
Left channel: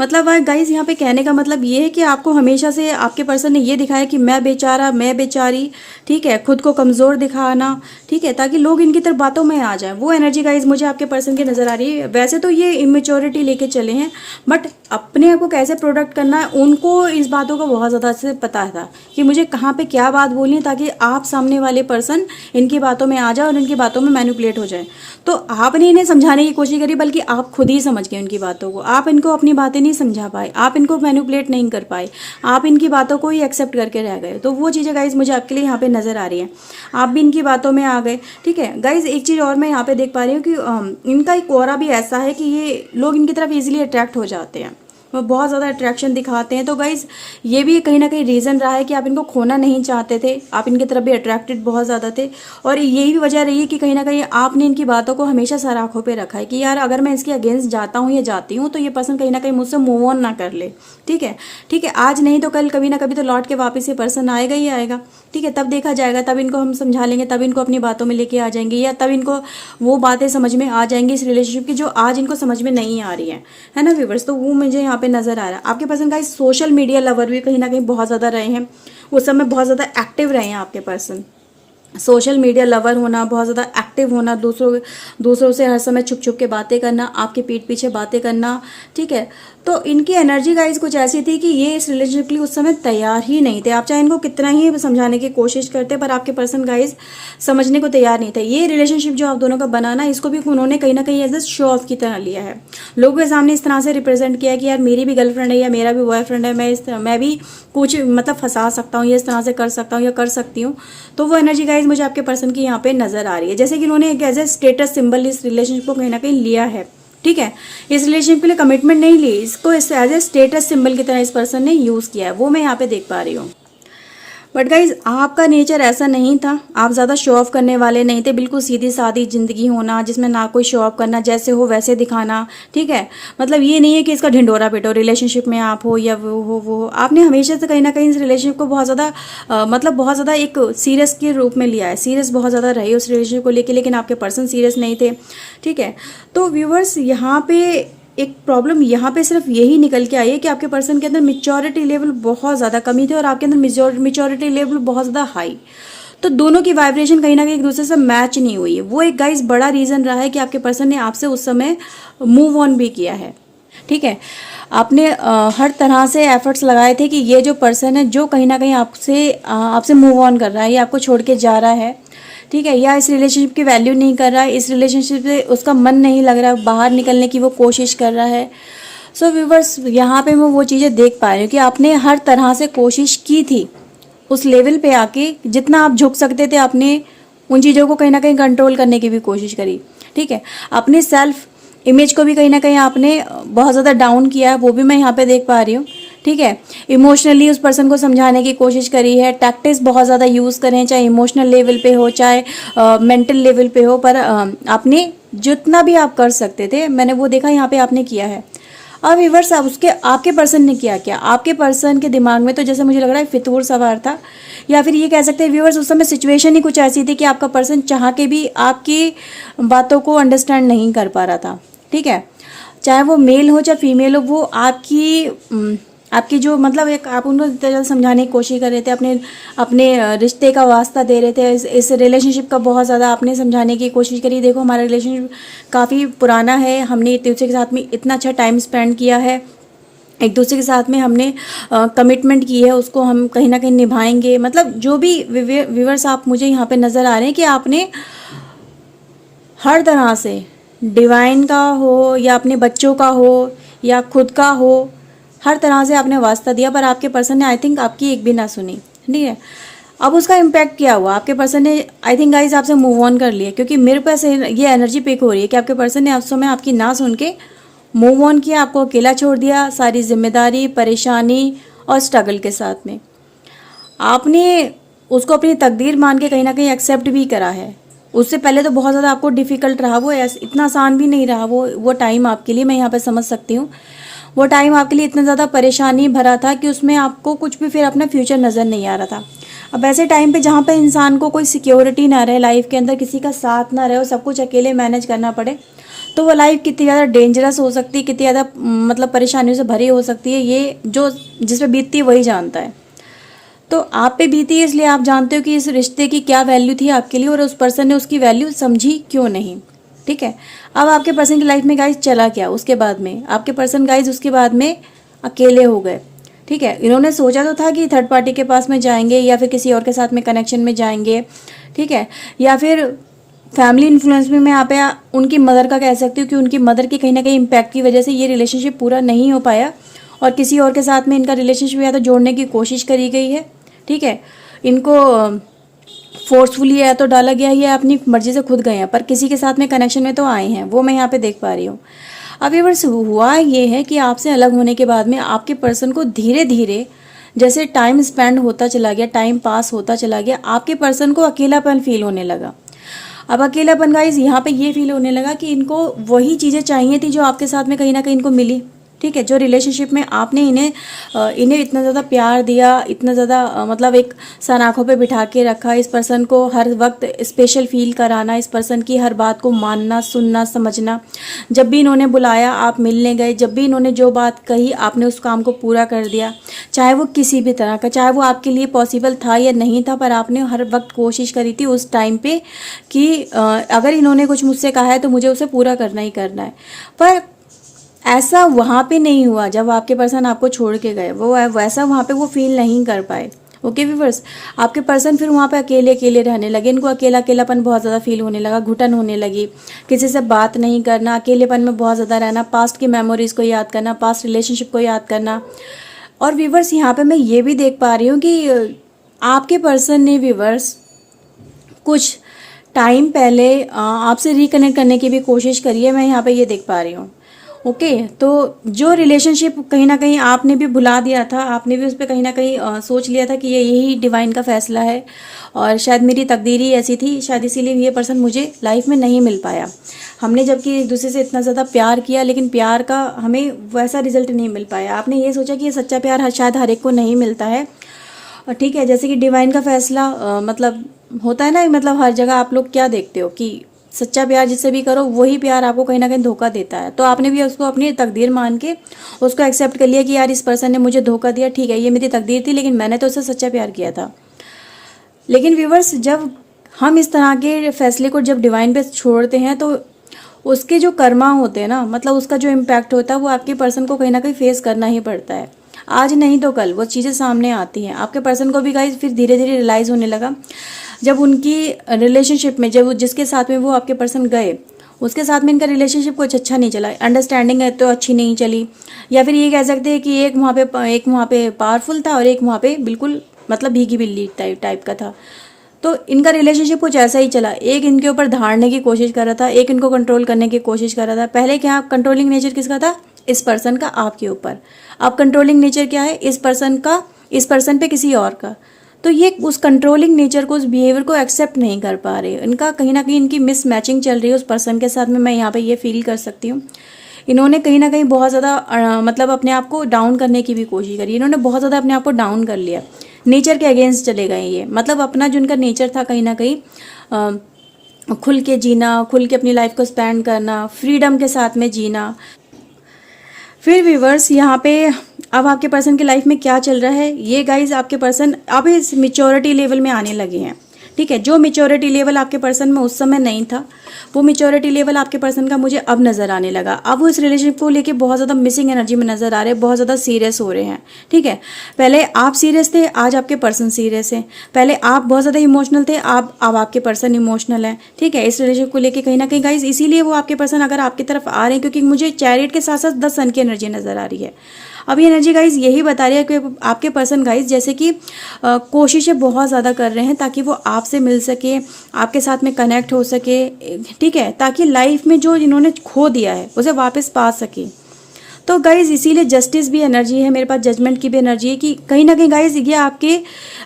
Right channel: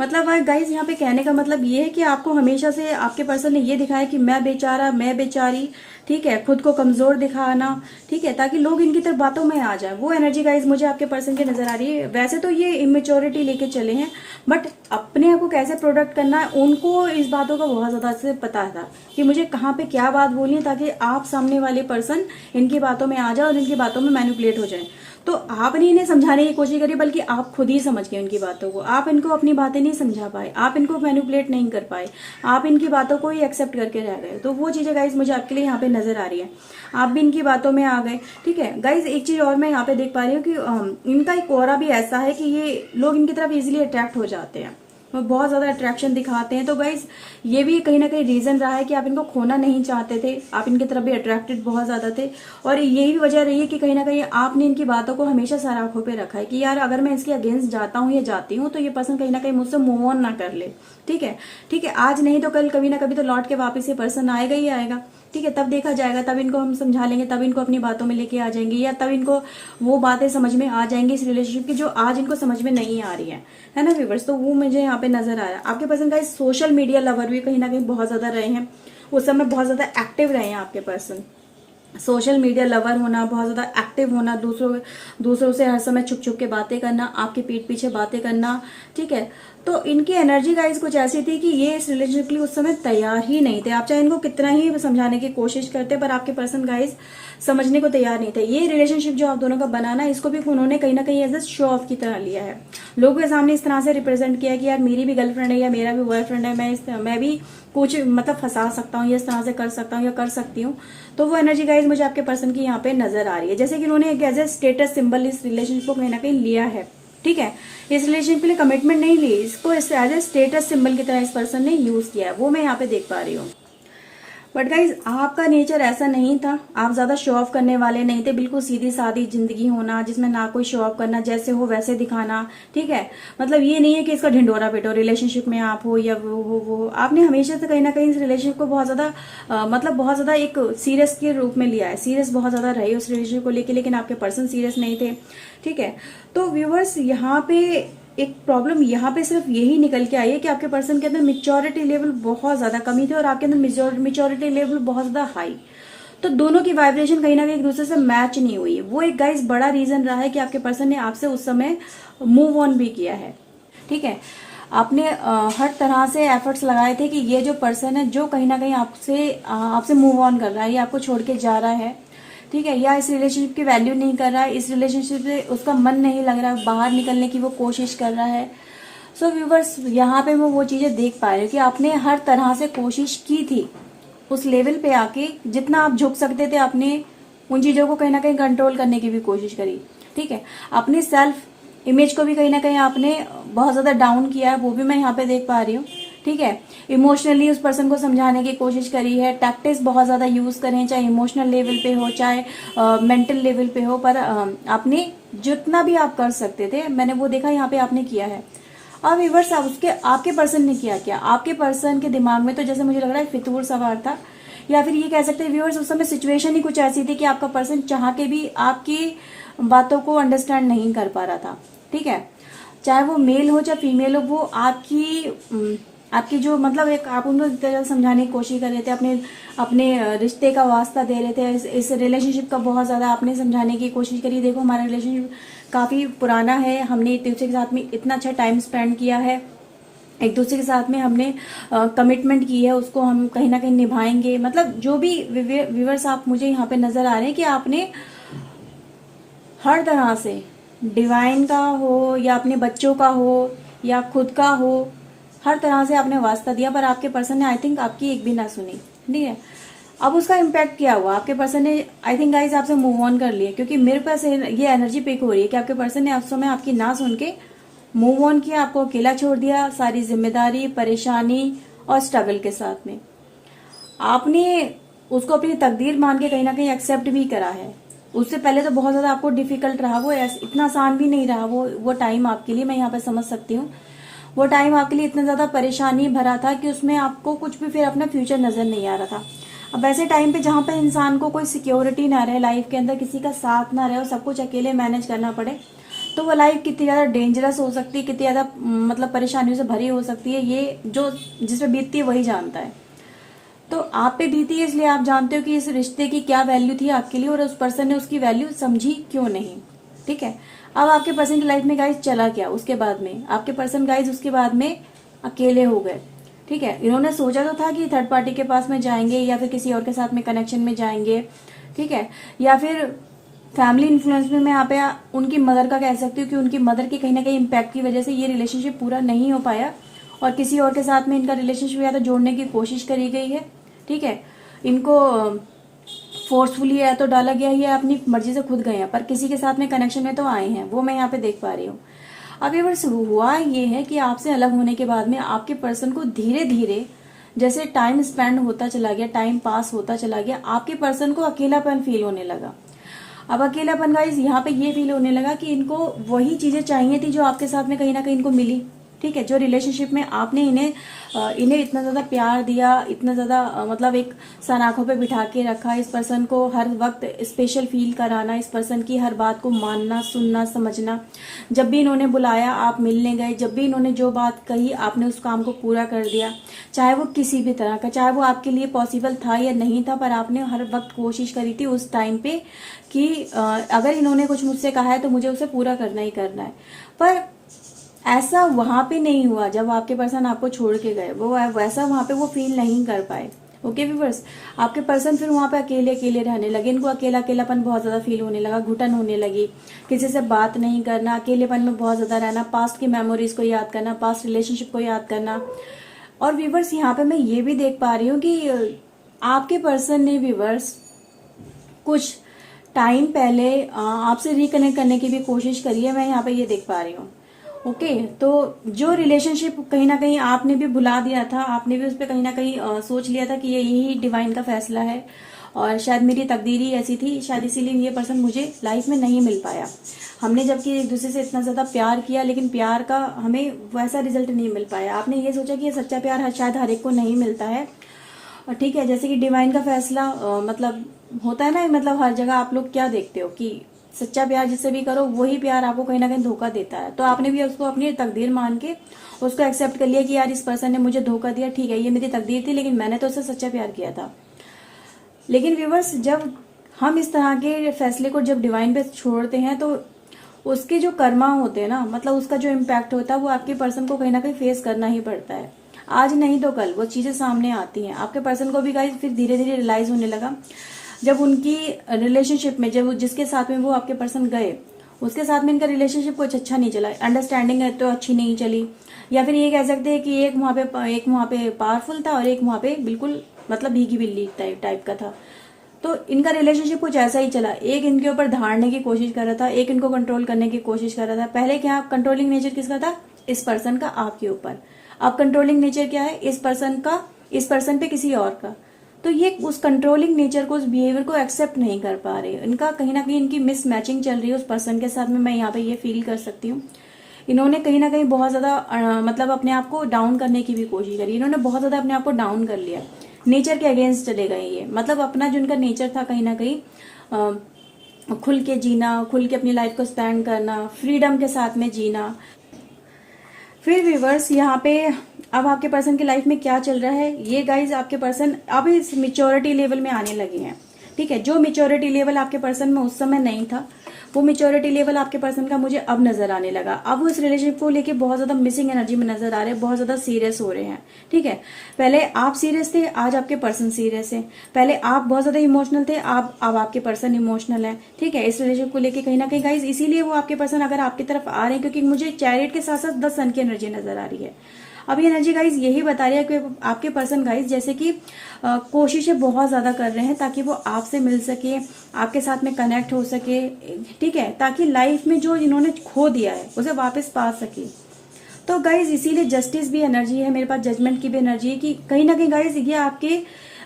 मतलब गाइज यहाँ पे कहने का मतलब ये है कि आपको हमेशा से आपके पर्सन ने ये दिखाया कि मैं बेचारा, मैं बेचारी, ठीक है, खुद को कमज़ोर दिखाना, ठीक है, ताकि लोग इनकी तरफ बातों में आ जाए। वो एनर्जी गाइज मुझे आपके पर्सन की नज़र आ रही है। वैसे तो ये इमेच्योरिटी लेके चले हैं, बट अपने आप को कैसे प्रोडक्ट करना है उनको इस बातों का बहुत ज़्यादा से पता था कि मुझे कहाँ पे क्या बात बोलनी है, ताकि आप सामने वाले पर्सन इनकी बातों में आ जाए और इनकी बातों में मैनिपुलेट हो जाए। तो आपने इन्हें समझाने की कोशिश करी, बल्कि आप खुद ही समझ गए उनकी बातों को। आप इनको अपनी बातें नहीं समझा पाए, आप इनको मैनिपुलेट नहीं कर पाए, आप इनकी बातों को ही एक्सेप्ट करके रह गए। तो वो चीज़ें गाइज मुझे आपके लिए यहाँ पे नजर आ रही है, आप भी इनकी बातों में आ गए, ठीक है। गाइज एक चीज़ और मैं यहाँ पे देख पा रही हूँ कि इनका एक ऑरा भी ऐसा है कि ये लोग इनकी तरफ इजीली अट्रैक्ट हो जाते हैं, वो बहुत ज़्यादा अट्रैक्शन दिखाते हैं। तो गाइज ये भी कहीं ना कहीं रीज़न रहा है कि आप इनको खोना नहीं चाहते थे, आप इनकी तरफ भी अट्रैक्टेड बहुत ज़्यादा थे, और यही भी वजह रही है कि कहीं ना कहीं आपने इनकी बातों को हमेशा सर आंखों पे रखा है कि यार अगर मैं इसके अगेंस्ट जाता हूँ या जाती हूँ तो ये पर्सन कहीं ना कहीं मुझसे मूव ऑन ना कर ले, ठीक है, ठीक है। आज नहीं तो कल, कभी ना कभी तो लौट के वापस ये पर्सन आएगा ही आएगा, ठीक है। तब देखा जाएगा, तब इनको हम समझा लेंगे, तब इनको अपनी बातों में लेके आ जाएंगे, या तब इनको वो बातें समझ में आ जाएंगी इस रिलेशनशिप की जो आज इनको समझ में नहीं आ रही है ना व्यूअर्स। तो वो मुझे यहाँ पे नजर आ रहा है। आपके पर्सन का सोशल मीडिया लवर भी कहीं ना कहीं बहुत ज्यादा रहे हैं, उस समय बहुत ज्यादा एक्टिव रहे हैं आपके पर्सन। सोशल मीडिया लवर होना, बहुत ज़्यादा एक्टिव होना, दूसरों से हर समय छुप छुप के बातें करना, आपके पीठ पीछे बातें करना, ठीक है। तो इनकी एनर्जी गाइस कुछ ऐसी थी कि ये इस रिलेशनशिप के लिए उस समय तैयार ही नहीं थे। आप चाहे इनको कितना ही समझाने की कोशिश करते, पर आपके पर्सन गाइस समझने को तैयार नहीं थे। ये रिलेशनशिप जो आप दोनों का बनाना, इसको भी उन्होंने कहीं ना कहीं एज ए शो ऑफ की तरह लिया है, लोगों के सामने इस तरह से रिप्रेजेंट किया है कि यार मेरी भी गर्लफ्रेंड है या मेरा भी बॉयफ्रेंड है, मैं भी कुछ मतलब फंसा सकता हूँ, या इस तरह से कर सकता हूँ या कर सकती हूँ। तो वो एनर्जी गाइस मुझे आपके पर्सन की यहाँ पे नजर आ रही है, जैसे कि उन्होंने एक एज ए स्टेटस सिंबल इस रिलेशनशिप को कहीं ना कहीं लिया है, ठीक है। इस रिलेशनशिप के लिए कमिटमेंट नहीं ली, इसको एज ए स्टेटस सिंबल की तरह इस पर्सन ने यूज किया है, वो मैं यहाँ पे देख पा रही हूँ। बट गाइज आपका नेचर ऐसा नहीं था, आप ज़्यादा शो ऑफ करने वाले नहीं थे, बिल्कुल सीधी सादी जिंदगी होना जिसमें ना कोई शो ऑफ करना, जैसे हो वैसे दिखाना, ठीक है। मतलब ये नहीं है कि इसका ढिंडोरा पिटो रिलेशनशिप में आप हो या वो आपने हमेशा से कहीं ना कहीं इस रिलेशनशिप को बहुत ज़्यादा मतलब बहुत ज़्यादा एक सीरियस के रूप में लिया है, सीरियस बहुत ज़्यादा रहे उस रिलेशनशिप को लेकर, लेकिन आपके पर्सन सीरियस नहीं थे, ठीक है। तो व्यूवर्स यहाँ पे एक प्रॉब्लम यहाँ पे सिर्फ यही निकल के आई है कि आपके पर्सन के अंदर मेच्योरिटी लेवल बहुत ज़्यादा कमी थी और आपके अंदर मेच्योरिटी लेवल बहुत ज़्यादा हाई। तो दोनों की वाइब्रेशन कहीं ना कहीं एक दूसरे से मैच नहीं हुई। वो एक गाइस बड़ा रीज़न रहा है कि आपके पर्सन ने आपसे उस समय मूव ऑन भी किया है, ठीक है। आपने हर तरह से एफर्ट्स लगाए थे कि ये जो पर्सन है जो कहीं ना कहीं आपसे मूव ऑन कर रहा है, ये आपको छोड़ के जा रहा है, ठीक है, या इस रिलेशनशिप की वैल्यू नहीं कर रहा है, इस रिलेशनशिप से उसका मन नहीं लग रहा, बाहर निकलने की वो कोशिश कर रहा है। सो व्यूवर्स यहाँ पे मैं वो चीज़ें देख पा रही हूँ कि आपने हर तरह से कोशिश की थी उस लेवल पे आके, जितना आप झुक सकते थे आपने उन चीज़ों को कहीं ना कहीं कंट्रोल करने की भी कोशिश करी, ठीक है। अपने सेल्फ इमेज को भी कहीं ना कहीं आपने बहुत ज़्यादा डाउन किया है, वो भी मैं यहाँ पे देख पा रही हूँ, ठीक है। इमोशनली उस पर्सन को समझाने की कोशिश करी है, टैक्टिक्स बहुत ज़्यादा यूज़ करें, चाहे इमोशनल लेवल पे हो चाहे मेंटल लेवल पे हो, पर आपने जितना भी आप कर सकते थे मैंने वो देखा यहाँ पे आपने किया है। अब व्यूअर्स उसके आपके पर्सन ने किया आपके पर्सन के दिमाग में तो जैसे मुझे लग रहा है फितूर सवार था, या फिर ये कह सकते हैं व्यूअर्स उस समय सिचुएशन ही कुछ ऐसी थी कि आपका पर्सन चाह के भी आपकी बातों को अंडरस्टैंड नहीं कर पा रहा था, ठीक है। चाहे वो मेल हो चाहे फीमेल हो, वो आपकी जो मतलब एक आप उनको इतना ज़्यादा समझाने की कोशिश कर रहे थे, अपने रिश्ते का वास्ता दे रहे थे, इस रिलेशनशिप का बहुत ज़्यादा आपने समझाने की कोशिश करी। देखो हमारा रिलेशनशिप काफ़ी पुराना है, हमने एक दूसरे के साथ में इतना अच्छा टाइम स्पेंड किया है, एक दूसरे के साथ में हमने कमिटमेंट की है, उसको हम कहीं ना कहीं निभाएंगे। मतलब जो भी व्यूअर्स आप मुझे यहाँ पे नज़र आ रहे हैं कि आपने हर तरह से डिवाइन का हो या अपने बच्चों का हो या खुद का हो, हर तरह से आपने वास्ता दिया, पर आपके पर्सन ने आई थिंक आपकी एक भी ना सुनी। ठीक है, अब उसका इम्पैक्ट क्या हुआ, आपके पर्सन ने आई थिंक गाइज आपसे मूव ऑन कर लिया, क्योंकि मेरे पास ये एनर्जी पिक हो रही है कि आपके पर्सन ने उस समय आपकी ना सुन के मूव ऑन किया, आपको अकेला छोड़ दिया, सारी जिम्मेदारी, परेशानी और स्ट्रगल के साथ में। आपने उसको अपनी तकदीर मान के कहीं ना कहीं एक्सेप्ट भी करा है। उससे पहले तो बहुत ज़्यादा आपको डिफ़िकल्ट रहा, वो इतना आसान भी नहीं रहा वो टाइम आपके लिए, मैं यहाँ पे समझ सकती हूँ। वो टाइम आपके लिए इतना ज़्यादा परेशानी भरा था कि उसमें आपको कुछ भी फिर अपना फ्यूचर नज़र नहीं आ रहा था। अब ऐसे टाइम पे जहाँ पे इंसान को कोई सिक्योरिटी ना रहे, लाइफ के अंदर किसी का साथ ना रहे और सब कुछ अकेले मैनेज करना पड़े, तो वो लाइफ कितनी ज़्यादा डेंजरस हो सकती है, कितनी ज़्यादा मतलब परेशानियों से भरी हो सकती है, ये जो जिस पे बीतती है वही जानता है। तो आप पे बीती है इसलिए आप जानते हो कि इस रिश्ते की क्या वैल्यू थी आपके लिए और उस पर्सन ने उसकी वैल्यू समझी क्यों नहीं। ठीक है, अब आपके पर्सन की लाइफ में गाइज चला क्या उसके बाद में, आपके पर्सन गाइज उसके बाद में अकेले हो गए। ठीक है, इन्होंने सोचा तो था कि थर्ड पार्टी के पास में जाएंगे या फिर किसी और के साथ में कनेक्शन में जाएंगे, ठीक है, या फिर फैमिली इन्फ्लुएंस में मैं यहाँ पे उनकी मदर का कह सकती हूँ कि उनकी मदर की कहीं ना कहीं इम्पैक्ट की वजह से ये रिलेशनशिप पूरा नहीं हो पाया और किसी और के साथ में इनका रिलेशनशिप या तो जोड़ने की कोशिश करी गई है। ठीक है, इनको फोर्सफुली या तो डाला गया है या अपनी मर्जी से खुद गए हैं, पर किसी के साथ में कनेक्शन में तो आए हैं, वो मैं यहाँ पे देख पा रही हूँ। अब ये वर्ष हुआ ये है कि आपसे अलग होने के बाद में आपके पर्सन को धीरे धीरे जैसे टाइम स्पेंड होता चला गया, टाइम पास होता चला गया, आपके पर्सन को अकेलापन फील होने लगा। अब अकेलापन गाइस यहाँ पे ये फील होने लगा कि इनको वही चीज़ें चाहिए थी जो आपके साथ में कहीं ना कहीं इनको मिली। ठीक है, जो रिलेशनशिप में आपने इन्हें इतना ज़्यादा प्यार दिया, इतना ज़्यादा मतलब एक सन आँखों पे बिठा के रखा, इस पर्सन को हर वक्त स्पेशल फील कराना, इस पर्सन की हर बात को मानना, सुनना, समझना, जब भी इन्होंने बुलाया आप मिलने गए, जब भी इन्होंने जो बात कही आपने उस काम को पूरा कर दिया, चाहे वो किसी भी तरह का, चाहे वो आपके लिए पॉसिबल था या नहीं था, पर आपने हर वक्त कोशिश करी थी उस टाइम पे कि अगर इन्होंने कुछ मुझसे कहा है तो मुझे उसे पूरा करना ही करना है। पर ऐसा वहाँ पे नहीं हुआ जब आपके पर्सन आपको छोड़ के गए, वो वैसा वहाँ पे वो फील नहीं कर पाए। ओके व्यूअर्स, आपके पर्सन फिर वहाँ पे अकेले अकेले रहने लगे, इनको अकेला अकेलापन बहुत ज़्यादा फील होने लगा, घुटन होने लगी, किसी से बात नहीं करना, अकेलेपन में बहुत ज़्यादा रहना, पास्ट की मेमोरीज को याद करना, पास्ट रिलेशनशिप को याद करना। और व्यूअर्स यहाँ पे मैं ये भी देख पा रही हूँ कि आपके पर्सन ने व्यूअर्स कुछ टाइम पहले आपसे रिकनेक्ट करने की भी कोशिश करी है, मैं यहाँ पे ये देख पा रही हूँ। ओके, तो जो रिलेशनशिप कहीं ना कहीं आपने भी भुला दिया था, आपने भी उस पर कहीं ना कहीं सोच लिया था कि ये यही डिवाइन का फैसला है और शायद मेरी तकदीर ही ऐसी थी, शायद इसीलिए ये पर्सन मुझे लाइफ में नहीं मिल पाया। हमने जबकि एक दूसरे से इतना ज़्यादा प्यार किया लेकिन प्यार का हमें वैसा रिजल्ट नहीं मिल पाया। आपने ये सोचा कि ये सच्चा प्यार शायद हर एक को नहीं मिलता है। और ठीक है, जैसे कि डिवाइन का फैसला मतलब होता है ना, मतलब हर जगह आप लोग क्या देखते हो कि सच्चा प्यार जिससे भी करो वही प्यार आपको कहीं ना कहीं धोखा देता है। तो आपने भी उसको अपनी तकदीर मान के उसको एक्सेप्ट कर लिया कि यार इस पर्सन ने मुझे धोखा दिया, ठीक है ये मेरी तकदीर थी, लेकिन मैंने तो उससे सच्चा प्यार किया था। लेकिन व्यूवर्स, जब हम इस तरह के फैसले को जब डिवाइन पे छोड़ते हैं तो उसके जो कर्मा होते हैं ना, मतलब उसका जो इम्पैक्ट होता है वो आपके पर्सन को कहीं ना कहीं फेस करना ही पड़ता है। आज नहीं तो कल वो चीज़ें सामने आती हैं। आपके पर्सन को भी गाइस फिर धीरे धीरे रियलाइज़ होने लगा जब उनकी रिलेशनशिप में, जब जिसके साथ में वो आपके पर्सन गए उसके साथ में इनका रिलेशनशिप कुछ अच्छा नहीं चला, अंडरस्टैंडिंग है तो अच्छी नहीं चली, या फिर ये कह सकते हैं कि एक वहाँ पे पावरफुल था और एक वहाँ पे बिल्कुल मतलब भीगी बिल्ली टाइप का था। तो इनका रिलेशनशिप कुछ ऐसा ही चला, एक इनके ऊपर धारने की कोशिश कर रहा था, एक इनको कंट्रोल करने की कोशिश कर रहा था। पहले क्या कंट्रोलिंग नेचर किसका था? इस पर्सन का आपके ऊपर। अब कंट्रोलिंग नेचर क्या है? इस पर्सन पे किसी और का। तो ये उस कंट्रोलिंग नेचर को, उस बिहेवियर को एक्सेप्ट नहीं कर पा रहे। इनका कहीं ना कहीं इनकी मिस मैचिंग चल रही है उस पर्सन के साथ में, मैं यहाँ पे ये फील कर सकती हूँ। इन्होंने कहीं ना कहीं बहुत ज़्यादा मतलब अपने आप को डाउन करने की भी कोशिश करी, इन्होंने बहुत ज़्यादा अपने आप को डाउन कर लिया, नेचर के अगेंस्ट चले गए ये। मतलब अपना जो इनका नेचर था कहीं ना कहीं खुल के जीना, खुल के अपनी लाइफ को स्पेंड करना, फ्रीडम के साथ में जीना। फिर व्यूवर्स यहाँ पे अब आपके पर्सन की लाइफ में क्या चल रहा है, ये गाइज आपके पर्सन अब इस मेच्योरिटी लेवल में आने लगे हैं। ठीक है। जो मेच्योरिटी लेवल आपके पर्सन में उस समय नहीं था, वो मेच्योरिटी लेवल आपके पर्सन का मुझे अब नजर आने लगा। अब वो इस रिलेशनशिप को लेके बहुत ज़्यादा मिसिंग एनर्जी में नजर आ रहे हैं, बहुत ज़्यादा सीरियस हो रहे हैं। ठीक है, पहले आप सीरियस थे, आज आपके पर्सन सीरियस है। पहले आप बहुत ज़्यादा इमोशनल थे, अब आपके पर्सन इमोशनल है। ठीक है, इस रिलेशनशिप को लेके कहीं ना कहीं गाइज इसीलिए वो आपके पर्सन अगर आपकी तरफ आ रहे हैं, क्योंकि मुझे चैरियट के साथ साथ 10 सन की एनर्जी नजर आ रही है। अब ये एनर्जी गाइज यही बता रही है कि आपके पर्सन गाइज जैसे कि कोशिशें बहुत ज़्यादा कर रहे हैं ताकि वो आपसे मिल सके, आपके साथ में कनेक्ट हो सके। ठीक है, ताकि लाइफ में जो इन्होंने खो दिया है उसे वापस पा सके। तो गाइज इसीलिए जस्टिस भी एनर्जी है मेरे पास, जजमेंट की भी एनर्जी है कि कहीं ना कहीं गाइज ये आपके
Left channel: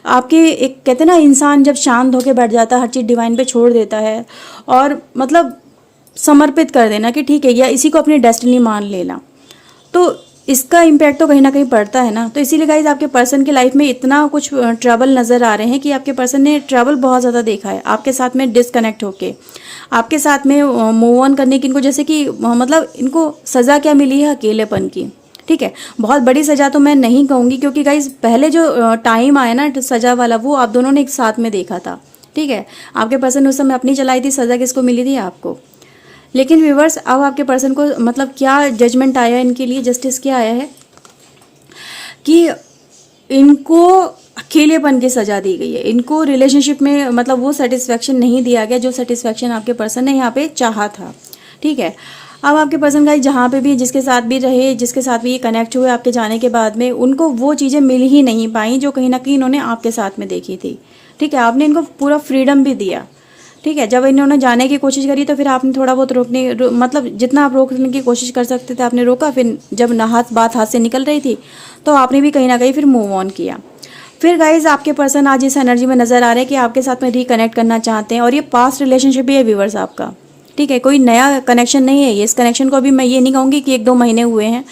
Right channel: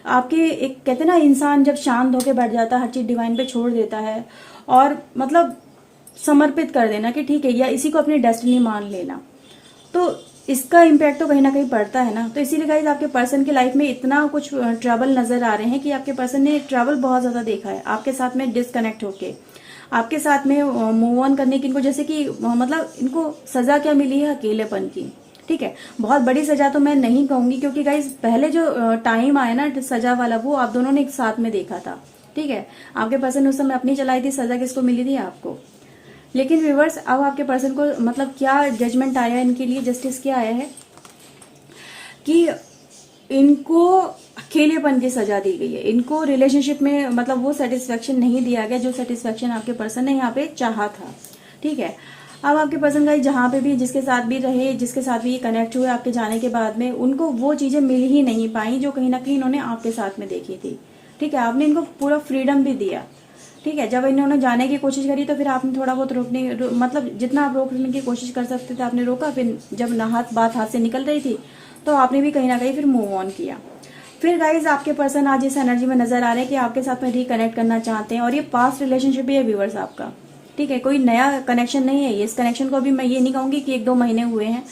आपके एक कहते हैं ना, इंसान जब शांत होकर बैठ जाता है, हर चीज़ डिवाइन पे छोड़ देता है और मतलब समर्पित कर देना कि ठीक है, या इसी को अपनी डेस्टिनी मान लेना, तो इसका इम्पैक्ट तो कहीं ना कहीं पड़ता है ना। तो इसीलिए गाइज आपके पर्सन की लाइफ में इतना कुछ ट्रबल नज़र आ रहे हैं कि आपके पर्सन ने ट्रबल बहुत ज़्यादा देखा है आपके साथ में डिसकनेक्ट होके, आपके साथ में मूव ऑन करने की। इनको जैसे कि मतलब इनको सज़ा क्या मिली है, अकेलेपन की। ठीक है, बहुत बड़ी सज़ा तो मैं नहीं कहूँगी, क्योंकि गाइज पहले जो टाइम आया ना सज़ा वाला, वो आप दोनों ने एक साथ में देखा था। ठीक है, आपके पर्सन उस समय अपनी चलाई थी, सज़ा किसको मिली थी, आपको। लेकिन व्यूवर्स अब आपके पर्सन को मतलब क्या जजमेंट आया है इनके लिए, जस्टिस क्या आया है कि इनको अकेलेपन की सजा दी गई है। इनको रिलेशनशिप में मतलब वो सेटिस्फेक्शन नहीं दिया गया जो सेटिस्फेक्शन आपके पर्सन ने यहाँ पे चाहा था। ठीक है, अब आपके पर्सन का जहाँ पे भी जिसके साथ भी रहे, जिसके साथ भी ये कनेक्ट हुए आपके जाने के बाद में, उनको वो चीज़ें मिल ही नहीं पाई जो कहीं ना कहीं इन्होंने आपके साथ में देखी थी। ठीक है, आपने इनको पूरा फ्रीडम भी दिया। ठीक है, जब इन्होंने जाने की कोशिश करी तो फिर आपने थोड़ा बहुत मतलब जितना आप रोकने की कोशिश कर सकते थे आपने रोका। फिर जब बात हाथ से निकल रही थी तो आपने भी कहीं ना कहीं फिर मूव ऑन किया। फिर गाइज आपके पर्सन आज इस एनर्जी में नजर आ रहे हैं कि आपके साथ में रिकनेक्ट करना चाहते हैं, और ये पास्ट रिलेशनशिप ही है व्यूवर्स आपका। ठीक है, कोई नया कनेक्शन नहीं है ये। इस कनेक्शन को अभी मैं ये नहीं कहूँगी कि 1-2 महीने हुए हैं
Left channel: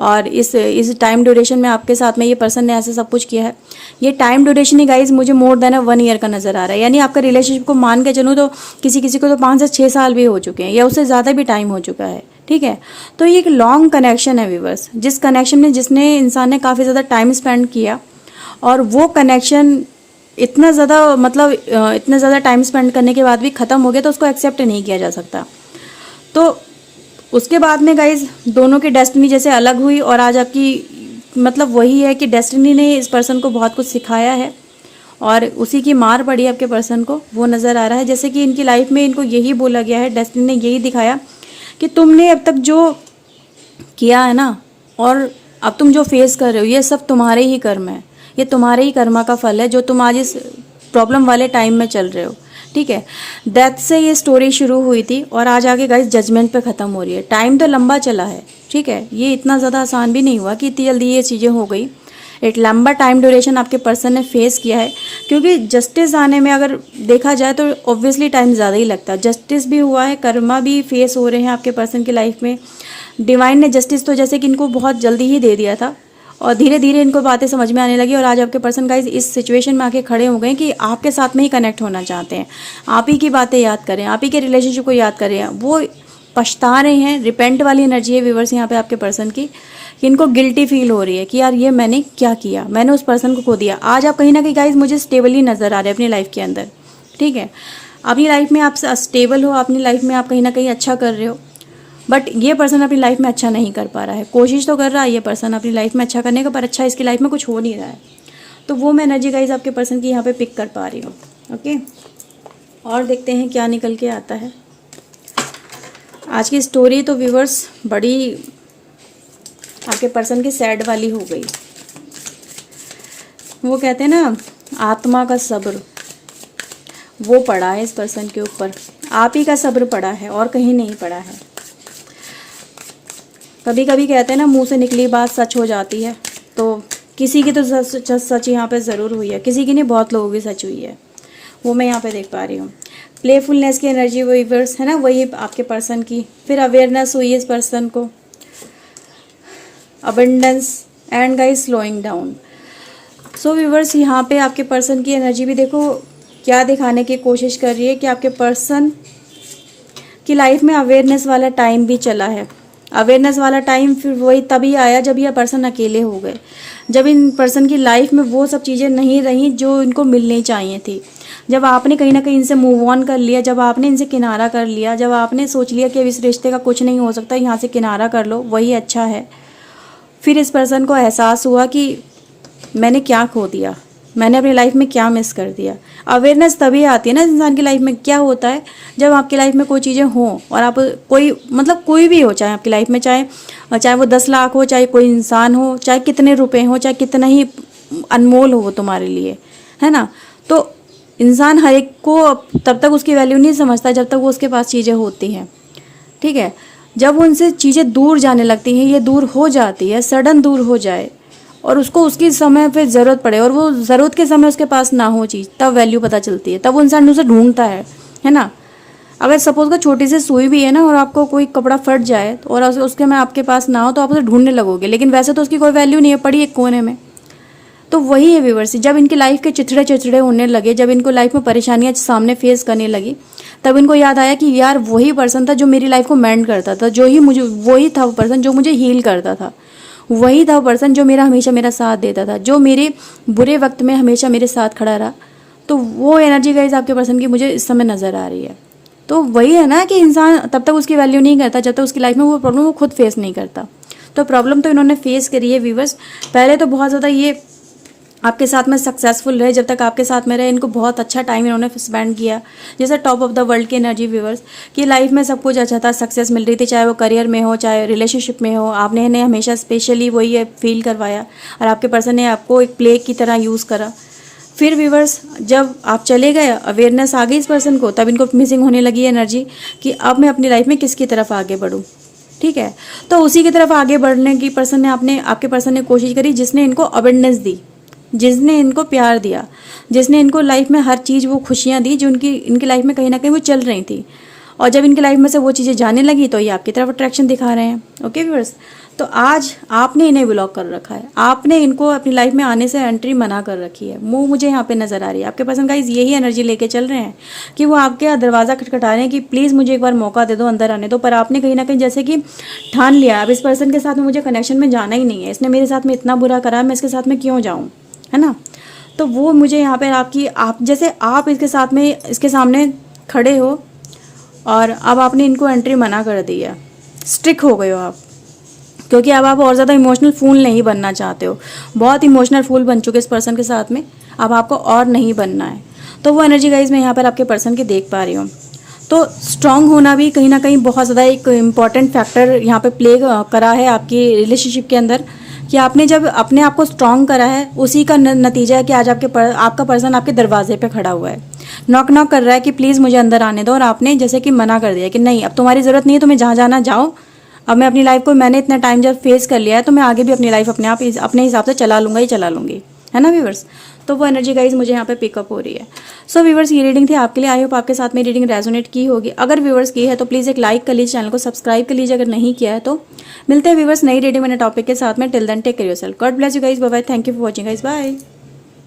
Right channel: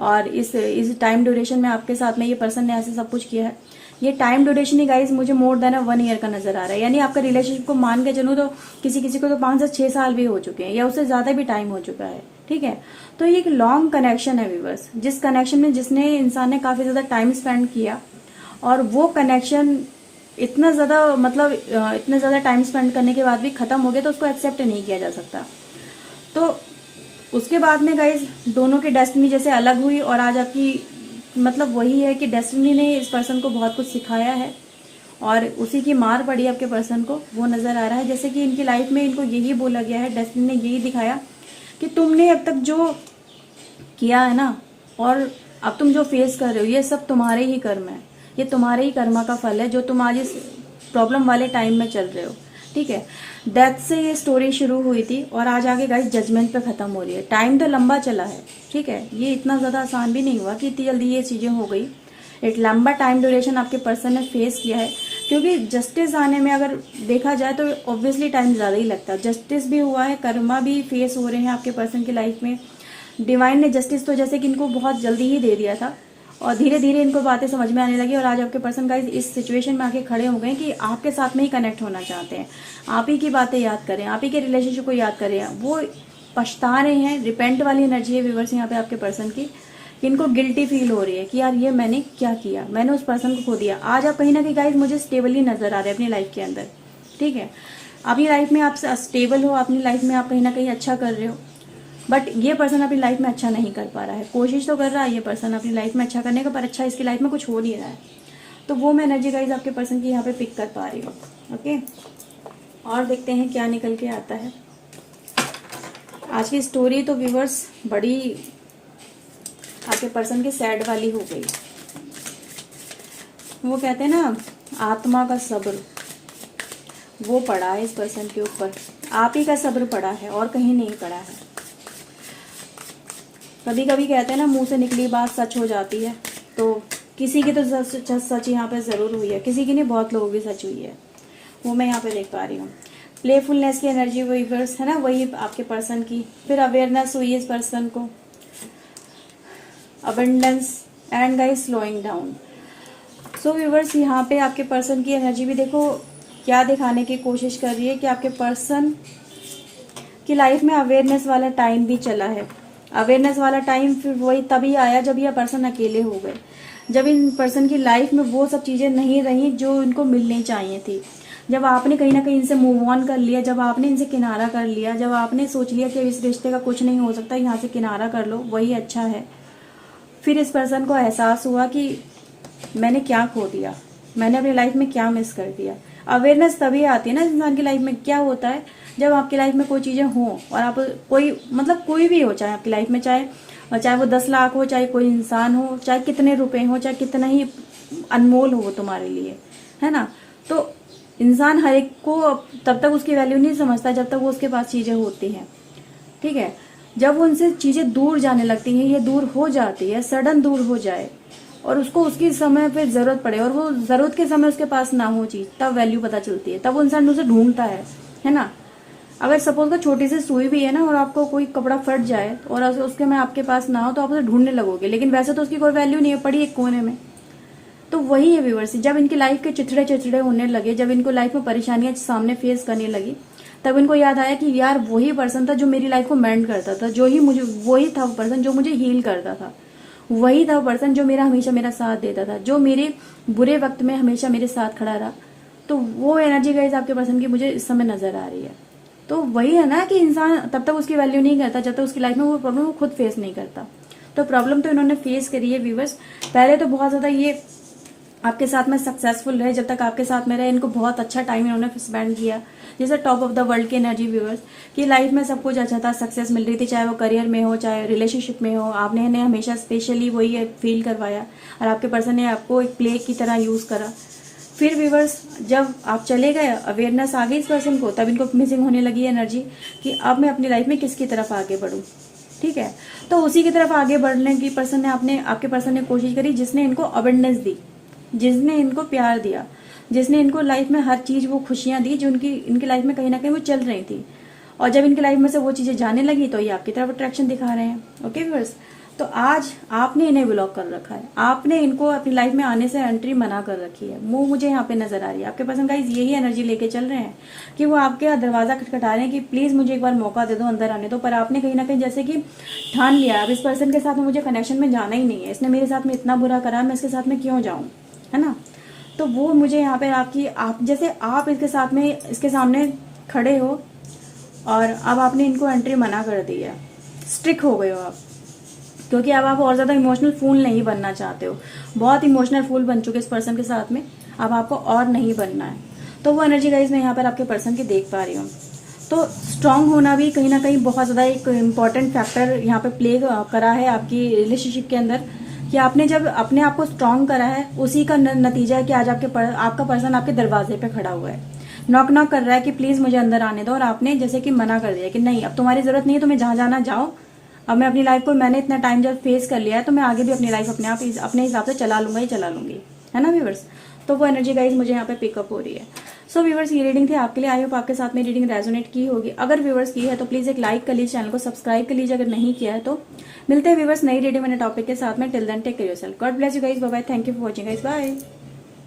और इस टाइम ड्यूरेशन में आपके साथ में ये पर्सन ने ऐसे सब कुछ किया है। ये टाइम ड्यूरेशन ही गाइज मुझे मोर देन 1 ईयर का नज़र आ रहा है। यानी आपका रिलेशनशिप को मान के चलूँ तो किसी किसी को तो 5 से 6 साल भी हो चुके हैं, या उससे ज़्यादा भी टाइम हो चुका है। ठीक है, तो ये एक लॉन्ग कनेक्शन है व्यूवर्स, जिस कनेक्शन में जिसने इंसान ने काफ़ी ज़्यादा टाइम स्पेंड किया, और वो कनेक्शन इतना ज़्यादा मतलब इतना ज़्यादा टाइम स्पेंड करने के बाद भी ख़त्म हो गया तो उसको एक्सेप्ट नहीं किया जा सकता। तो उसके बाद में गाइज दोनों की डेस्टिनी जैसे अलग हुई, और आज आपकी मतलब वही है कि डेस्टिनी ने इस पर्सन को बहुत कुछ सिखाया है और उसी की मार पड़ी आपके पर्सन को, वो नज़र आ रहा है। जैसे कि इनकी लाइफ में इनको यही बोला गया है, डेस्टिनी ने यही दिखाया कि तुमने अब तक जो किया है ना, और अब तुम जो फेस कर रहे हो, ये सब तुम्हारे ही कर्म है, ये तुम्हारे ही कर्मा का फल है जो तुम आज इस प्रॉब्लम वाले टाइम में चल रहे हो। ठीक है, डेथ से ये स्टोरी शुरू हुई थी और आज आगे गाइस जजमेंट पे ख़त्म हो रही है। टाइम तो लंबा चला है। ठीक है, ये इतना ज़्यादा आसान भी नहीं हुआ कि इतनी जल्दी ये चीज़ें हो गई। एक लंबा टाइम ड्यूरेशन आपके पर्सन ने फेस किया है, क्योंकि जस्टिस आने में अगर देखा जाए तो ऑब्वियसली टाइम ज़्यादा ही लगता है। जस्टिस भी हुआ है, कर्मा भी फेस हो रहे हैं आपके पर्सन की लाइफ में। डिवाइन ने जस्टिस तो जैसे कि इनको बहुत जल्दी ही दे दिया था, और धीरे धीरे इनको बातें समझ में आने लगी, और आज आपके पर्सन गाइस इस सिचुएशन में आके खड़े हो गए कि आपके साथ में ही कनेक्ट होना चाहते हैं, आप ही की बातें याद करें, आप ही के रिलेशनशिप को याद करें। वो पछता रहे हैं, रिपेंट वाली एनर्जी है व्यूवर्स यहाँ पे आपके पर्सन की, कि इनको गिल्टी फील हो रही है कि यार ये मैंने क्या किया, मैंने उस पर्सन को खो दिया। आज आप कहीं ना कहीं गाइस मुझे स्टेबली नज़र आ रहे हैं अपनी लाइफ के अंदर। ठीक है, अपनी लाइफ में आप स्टेबल हो, अपनी लाइफ में आप कहीं ना कहीं अच्छा कर रहे हो, बट ये पर्सन अपनी लाइफ में अच्छा नहीं कर पा रहा है। कोशिश तो कर रहा है ये पर्सन अपनी लाइफ में अच्छा करने का, पर अच्छा इसकी लाइफ में कुछ हो नहीं रहा है। तो वो मैं एनर्जी गाइज आपके पर्सन की यहाँ पे पिक कर पा रही हूँ। ओके, और देखते हैं क्या निकल के आता है। आज की स्टोरी तो व्यूवर्स बड़ी आपके पर्सन की सैड वाली हो गई। वो कहते हैं ना, आत्मा का सब्र वो पड़ा है इस पर्सन के ऊपर, आप ही का सब्र पड़ा है और कहीं नहीं पड़ा है। कभी कभी कहते हैं ना, मुंह से निकली बात सच हो जाती है, तो किसी की तो सच यहाँ पे ज़रूर हुई है, किसी की नहीं, बहुत लोगों की सच हुई है, वो मैं यहाँ पे देख पा रही हूँ। प्लेफुलनेस की एनर्जी व्यूअर्स है ना, वही आपके पर्सन की। फिर अवेयरनेस हुई है इस पर्सन को, abundance and guys slowing down. So viewers यहाँ पे आपके पर्सन की एनर्जी भी देखो क्या दिखाने की कोशिश कर रही है कि आपके पर्सन की लाइफ में अवेयरनेस वाला टाइम भी चला है। अवेयरनेस वाला टाइम फिर वही तभी आया जब ये पर्सन अकेले हो गए, जब इन पर्सन की लाइफ में वो सब चीज़ें नहीं रही जो इनको मिलनी चाहिए थी, जब आपने कहीं ना कहीं इनसे मूव ऑन कर लिया, जब आपने इनसे किनारा कर लिया, जब आपने सोच लिया कि अब इस रिश्ते का कुछ नहीं हो सकता, यहाँ से किनारा कर लो, वही अच्छा है। फिर इस पर्सन को एहसास हुआ कि मैंने क्या खो दिया, मैंने अपनी लाइफ में क्या मिस कर दिया। अवेयरनेस तभी आती है ना इंसान की लाइफ में। क्या होता है जब आपकी लाइफ में कोई चीज़ें हों और आप कोई मतलब कोई भी हो, चाहे आपकी लाइफ में चाहे वो 10 लाख हो, चाहे कोई इंसान हो, चाहे कितने रुपए हो, चाहे कितना ही अनमोल हो तुम्हारे लिए, है ना। तो इंसान हर एक को तब तक उसकी वैल्यू नहीं समझता जब तक वो उसके पास चीज़ें होती हैं, ठीक है। जब वो उनसे चीज़ें दूर जाने लगती हैं, ये दूर हो जाती है, सडन दूर हो जाए और उसको उसकी समय पे ज़रूरत पड़े और वो ज़रूरत के समय उसके पास ना हो चीज़, तब वैल्यू पता चलती है, तब वो इंसान उसे ढूंढता है ना। अगर सपोज का छोटी सी सुई भी है ना और आपको कोई कपड़ा फट जाए और उसके में आपके पास ना हो तो आप उसे ढूंढने लगोगे, लेकिन वैसे तो उसकी कोई वैल्यू नहीं है, पड़ी एक कोने में। तो वही है व्यूअर्स, जब इनकी लाइफ के चिथड़े चिथड़े होने लगे, जब इनको लाइफ में परेशानियां सामने फेस करने लगी, तब इनको याद आया कि यार वही पर्सन था जो मेरी लाइफ को मेंड करता था, जो ही मुझे वही था वो पर्सन जो मुझे हील करता था, वही था वो पर्सन जो हमेशा मेरा साथ देता था, जो मेरे बुरे वक्त में हमेशा मेरे साथ खड़ा रहा। तो वो एनर्जी गाइस आपके पर्सन की मुझे इस समय नज़र आ रही है। तो वही है ना कि इंसान तब तक उसकी वैल्यू नहीं करता जब तक उसकी लाइफ में वो प्रॉब्लम वो खुद फेस नहीं करता। तो प्रॉब्लम तो इन्होंने फेस करी है व्यूअर्स। पहले तो बहुत ज़्यादा ये आपके साथ में सक्सेसफुल रहे, जब तक आपके साथ में रहे इनको बहुत अच्छा टाइम इन्होंने स्पेंड किया, जैसे टॉप ऑफ द वर्ल्ड की एनर्जी व्यूअर्स कि लाइफ में सब कुछ अच्छा था, सक्सेस मिल रही थी, चाहे वो करियर में हो चाहे रिलेशनशिप में हो, आपने इन्हें हमेशा स्पेशली वही फील करवाया और आपके पर्सन ने आपको एक प्ले की तरह यूज़ करा। फिर व्यूअर्स जब आप चले गए, अवेयरनेस आ गई इस पर्सन को, तब इनको मिसिंग होने लगी एनर्जी कि अब मैं अपनी लाइफ में किसकी तरफ आगे बढ़ूँ, ठीक है। तो उसी की तरफ आगे बढ़ने की पर्सन ने आपके पर्सन ने कोशिश करी जिसने इनको अवेयरनेस दी, जिसने इनको प्यार दिया, जिसने इनको लाइफ में हर चीज़ वो खुशियाँ दी जो इनकी लाइफ में कहीं ना कहीं वो चल रही थी। और जब इनकी लाइफ में से वो चीज़ें जाने लगी तो ये आपकी तरफ अट्रैक्शन दिखा रहे हैं। ओके व्यूअर्स, तो आज आपने इन्हें ब्लॉक कर रखा है, आपने इनको अपनी लाइफ में आने से एंट्री मना कर रखी है। वो मुझे यहाँ पे नज़र आ रही है। आपके पर्सन गाइस यही एनर्जी लेके चल रहे हैं कि वो आपके दरवाज़ा खटखटा रहे हैं कि प्लीज़ मुझे एक बार मौका दे दो, अंदर आने दो। पर आपने कहीं ना कहीं जैसे कि ठान लिया अब इस पर्सन के साथ में मुझे कनेक्शन में जाना ही नहीं है, इसने मेरे साथ में इतना बुरा करा, मैं इसके साथ में क्यों जाऊँ, है ना। तो वो मुझे यहाँ पे आप जैसे आप इसके साथ में इसके सामने खड़े हो और अब आपने इनको एंट्री मना कर दी है, स्ट्रिक हो गए हो आप, क्योंकि अब आप और ज़्यादा इमोशनल फूल नहीं बनना चाहते हो। बहुत इमोशनल फूल बन चुके इस पर्सन के साथ में, अब आपको और नहीं बनना है। तो वो एनर्जी गाइज मैं यहाँ पर आपके पर्सन की देख पा रही हूँ। तो स्ट्रांग होना भी कहीं ना कहीं बहुत ज़्यादा एक इम्पॉर्टेंट फैक्टर यहाँ पे प्ले करा है आपकी रिलेशनशिप के अंदर, कि आपने जब अपने आप को स्ट्रांग करा है उसी का नतीजा है कि आज आपका पर्सन आपके दरवाजे पे खड़ा हुआ है, नॉक नॉक कर रहा है कि प्लीज़ मुझे अंदर आने दो, और आपने जैसे कि मना कर दिया कि नहीं अब तुम्हारी ज़रूरत नहीं है, तुम्हें जहाँ जाना जाओ, अब मैं अपनी लाइफ को मैंने इतना टाइम जब फेस कर लिया है तो मैं आगे भी अपनी लाइफ अपने हिसाब से चला लूँगा ही चला लूँगी, है ना व्यूवर्स। तो वो एनर्जी गाइज मुझे यहाँ पे पिकअप हो रही है। सो व्यूवर्स ये रीडिंग थी आपके लिए, आई होप आपके साथ में रीडिंग रेजोनेट की होगी। अगर व्यूवर्स की है तो प्लीज़ एक लाइक कर लीजिए, चैनल को सब्सक्राइब कर लीजिए अगर नहीं किया है तो। मिलते हैं व्यूवर्स नई रीडिंग में टॉपिक के साथ में। Till then take care yourself, God bless you guys, bye bye, thank you for watching guys, bye.